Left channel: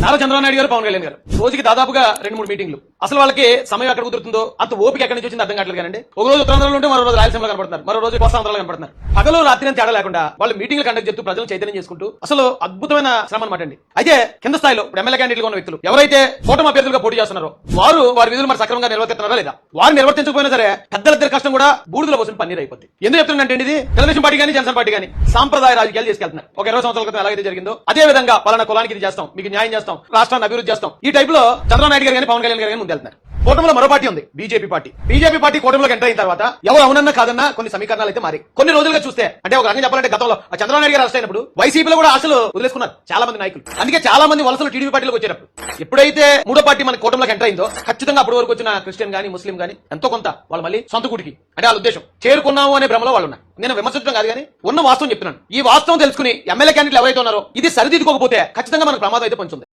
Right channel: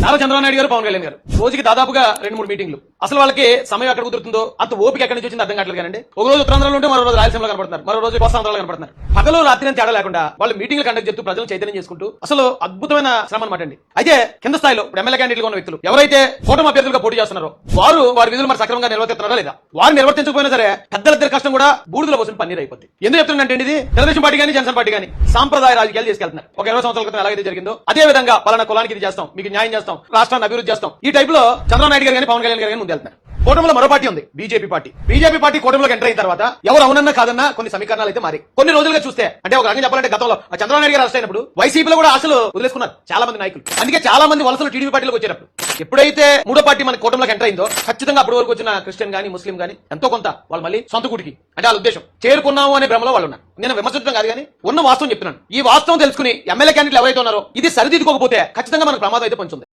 నారా చంద్రబాబు నాయుడు గారు, పవన్ కళ్యాణ్ గారు రోజుకి దాదాపుగా 2-3 మీటింగ్లు. అసలు వాళ్ళకి సమయం ఎక్కడ కుదురుతుందో, అంత ఓపిక ఎక్కడి నుంచి వచ్చింది అర్థం కావట్లేదు. కానీ ఒక రోజు ఉత్తరాంధ్రలో ఉంటే మరో రోజు రాయలసీమలో కనపడుతున్నారు, మరో రోజు కోస్తాంధ్రలో కనపడుతున్నారు. పగలు రాత్రి తేడా లేకుండా వాళ్ళు మీటింగ్లు కండక్ట్ చేస్తూ ప్రజలు చైతన్యం చేసుకుంటూ అసలు అద్భుతమైన శ్రమ అనమాట అండి. అయితే కింద స్థాయిలో ఎమ్మెల్యే క్యాండిడేట్ ఉన్న వ్యక్తులు ఎవరైతే కూటమి అభ్యర్థులుగా పోటీ చేస్తున్నారో వారు వారి విధులు మరి సక్రమంగా నిర్వర్తిస్తున్నారా లేదా, వారు నిర్వర్తించకపోయినా సరే పెద్దలిద్దరి కష్టం కూడా బూడిదలో పోసిన పన్నీర్ అయిపోతుంది. ఎందుకు చెప్తుందంటే ఇది తెలుగుదేశం పార్టీ కానీ జనసేన పార్టీ కానీ సాంప్రదాయ రాజకీయాలు తీసుకెళ్తున్నారు. ఒక 20 సంవత్సరాల క్రితం ఎలాగైతే జరిగిందో అదే విధంగా పలానా కులానికి ఇది చేస్తాం, మీకు న్యాయం చేస్తాం, రాష్ట్రాన్ని అభివృద్ధి చేస్తాం, ఈ టైప్ లో చంద్రబాబు నాయుడు గారు కానీ పవన్ కళ్యాణ్ గారు కానీ ముందుకెళ్తున్నారు. కూటమిలో మరో పార్టీ ఉంది, BJP party. BJP party కూటమిలోకి enter అయిన తర్వాత ఎవరు అవునన్నా కాదన్నా కొన్ని సమీకరణాలు అయితే మారి కొన్ని రోజులుగా చూస్తే అంటే ఒక రకంగా చెప్పాలంటే గతంలో చంద్రబాబు నాయుడు గారు అరెస్ట్ అయినప్పుడు వైసీపీలో కూడా ఆశలు వదిలేసుకున్నారు చాలా మంది నాయకులు. అందుకే చాలా మంది వలసలు టీడీపీ పార్టీలోకి వచ్చేటప్పుడు ఎప్పుడైతే మూడో పార్టీ మన కూటమిలోకి ఎంటర్ అయిందో ఖచ్చితంగా అప్పటి వరకు వచ్చిన క్రిస్టియన్ గానీ ముస్లిం గానీ ఎంతో కొంత వాళ్ళు మళ్ళీ సొంత గుడికి అంటే వాళ్ళ ఉద్దేశం చేరుకున్నాము అనే భ్రమలో వాళ్ళు ఉన్నారు. నేను విమర్శించడం కాదు కానీ ఉన్న వాస్తవం చెప్తున్నాను. ఈ వాస్తవం తెలుసుకుని ఎమ్మెల్యే క్యాండిడేట్లు ఎవరైతే ఉన్నారో ఇది సరిదిద్దుకోకపోతే ఖచ్చితంగా మనకు ప్రమాదం అయితే పొందుతుంది.